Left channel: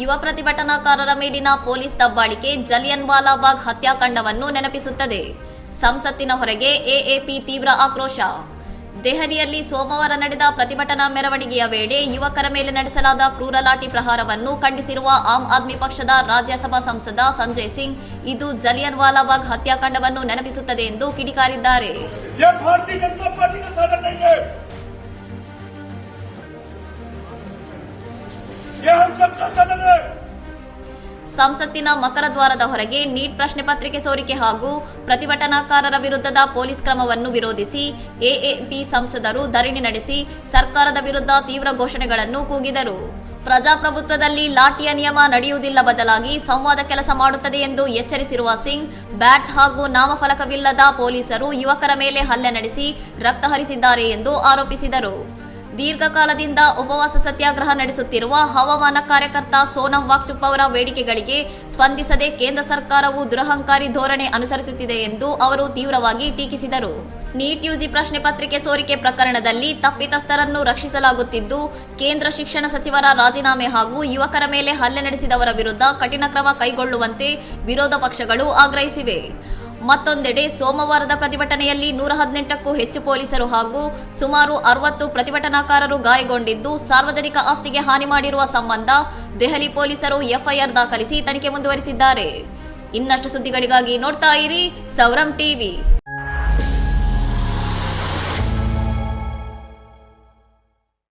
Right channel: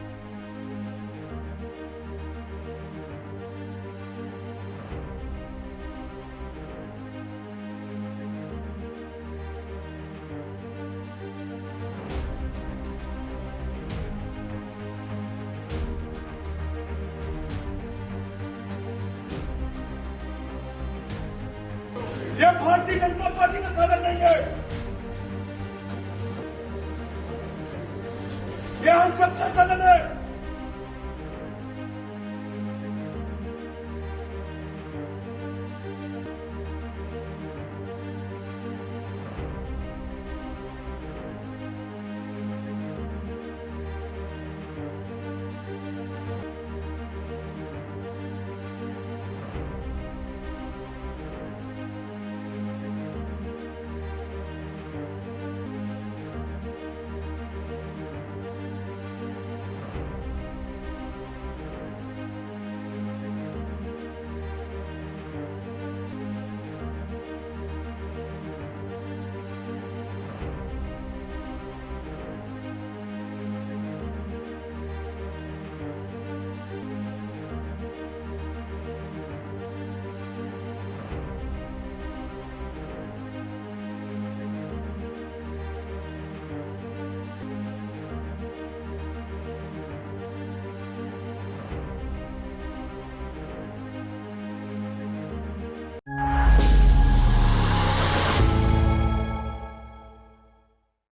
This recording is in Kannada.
ಯುವ ಪ್ರತಿಭಟನಾಕಾರರ ಮೇಲಿನ ಪೊಲೀಸ್ ದಬ್ಬಾಳಿಕೆ ಜಲಿಯನ್ ವಾಲಾಬಾಗ್ ಹತ್ಯಾಕಾಂಡವನ್ನು ನೆನಪಿಸುತ್ತದೆ. ಸಂಸತ್ತಿನ ಹೊರಗೆ ಎಎಪಿ ತೀವ್ರ ಆಕ್ರೋಶ. ದೆಹಲಿಯಲ್ಲಿ ಸೋಮವಾರ ನಡೆದ ಪ್ರತಿಭಟನಾ ಮೆರವಣಿಗೆಯ ವೇಳೆ ಯುವಕರ ಮೇಲೆ ನಡೆಸಲಾದ ಕ್ರೂರ ಲಾಠಿ ಪ್ರಹಾರವನ್ನು ಖಂಡಿಸಿರುವ ಆಮ್ ಆದ್ಮಿ ಪಕ್ಷದ ರಾಜ್ಯಸಭಾ ಸಂಸದ ಸಂಜಯ್ ಸಿಂಗ್, ಇದು ಜಲಿಯನ್ ವಾಲಾಬಾಗ್ ಹತ್ಯಾಕಾಂಡವನ್ನು ನೆನಪಿಸುತ್ತದೆ ಎಂದು ಕಿಡಿಕಾರಿದ್ದಾರೆ. ಸಂಸತ್ತಿನ ಮಕರ ದ್ವಾರದ ಹೊರಗೆ ನೀಟ್ ಪ್ರಶ್ನೆ ಪತ್ರಿಕೆ ಸೋರಿಕೆ ಹಾಗೂ ಪ್ರತಿಭಟನಾಕಾರರ ವಿರುದ್ಧದ ಪೊಲೀಸ್ ಕ್ರಮವನ್ನು ವಿರೋಧಿಸಿ ಎಎಪಿ ಸಂಸದರು ಧರಣಿ ನಡೆಸಿ ಸರ್ಕಾರದ ವಿರುದ್ಧ ತೀವ್ರ ಘೋಷಣೆಗಳನ್ನು ಕೂಗಿದರು. ಪ್ರಜಾಪ್ರಭುತ್ವದಲ್ಲಿ ಲಾಠಿಯ ನಿಯಮ ನಡೆಯುವುದಿಲ್ಲ, ಬದಲಾಗಿ ಸಂವಾದ ಕೆಲಸ ಮಾಡುತ್ತದೆ ಎಂದು ಎಚ್ಚರಿಸಿರುವ ಸಿಂಗ್, ಬ್ಯಾಡ್ಜ್ ಹಾಗೂ ನಾಮಫಲಕವಿಲ್ಲದ ಪೊಲೀಸರು ಯುವಕರ ಮೇಲೆ ಹಲ್ಲೆ ನಡೆಸಿ ರಕ್ತ ಹರಿಸಿದ್ದಾರೆ ಎಂದು ಆರೋಪಿಸಿದರು. ದೀರ್ಘಕಾಲದಿಂದ ಉಪವಾಸ ಸತ್ಯಾಗ್ರಹ ನಡೆಸುತ್ತಿರುವ ಹವಾಮಾನ ಕಾರ್ಯಕರ್ತ ಸೋನಂ ವಾಂಗ್ಚುಕ್ ಅವರ ಬೇಡಿಕೆಗಳಿಗೆ ಸ್ಪಂದಿಸದೆ ಕೇಂದ್ರ ಸರ್ಕಾರವು ದುರಹಂಕಾರಿ ಧೋರಣೆ ಅನುಸರಿಸುತ್ತಿದೆ ಎಂದು ಅವರು ತೀವ್ರವಾಗಿ ಟೀಕಿಸಿದರು. ನೀಟ್ ಯುಜಿ ಪ್ರಶ್ನೆ ಪತ್ರಿಕೆ ಸೋರಿಕೆ ಪ್ರಕರಣದಲ್ಲಿ ತಪ್ಪಿತಸ್ಥರನ್ನು ರಕ್ಷಿಸಲಾಗುತ್ತಿದ್ದು, ಕೇಂದ್ರ ಶಿಕ್ಷಣ ಸಚಿವರ ರಾಜೀನಾಮೆ ಹಾಗೂ ಯುವಕರ ಮೇಲೆ ಹಲ್ಲೆ ನಡೆಸಿದವರ ವಿರುದ್ಧ ಕಠಿಣ ಕ್ರಮ ಕೈಗೊಳ್ಳುವಂತೆ ವಿರೋಧ ಪಕ್ಷಗಳು ಆಗ್ರಹಿಸಿವೆ. ಮತ್ತೊಂದೆಡೆ ಸೋಮವಾರದ ಪ್ರತಿಭಟನೆಯಲ್ಲಿ 118ಕ್ಕೂ ಹೆಚ್ಚು ಪೊಲೀಸರು ಹಾಗೂ ಸುಮಾರು 60 ಪ್ರತಿಭಟನಾಕಾರರು ಗಾಯಗೊಂಡಿದ್ದು, ಸಾರ್ವಜನಿಕ ಆಸ್ತಿಗೆ ಹಾನಿ ಮಾಡಿರುವ ಸಂಬಂಧ ದೆಹಲಿ ಪೊಲೀಸರು ಎಫ್ಐಆರ್ ದಾಖಲಿಸಿ ತನಿಖೆ ಮುಂದುವರಿಸಿದ್ದಾರೆ. ಇನ್ನಷ್ಟು ಸುದ್ದಿಗಳಿಗಾಗಿ ನೋಡ್ತಾ ಇರಿ ಸೌರಂ ಟಿವಿ.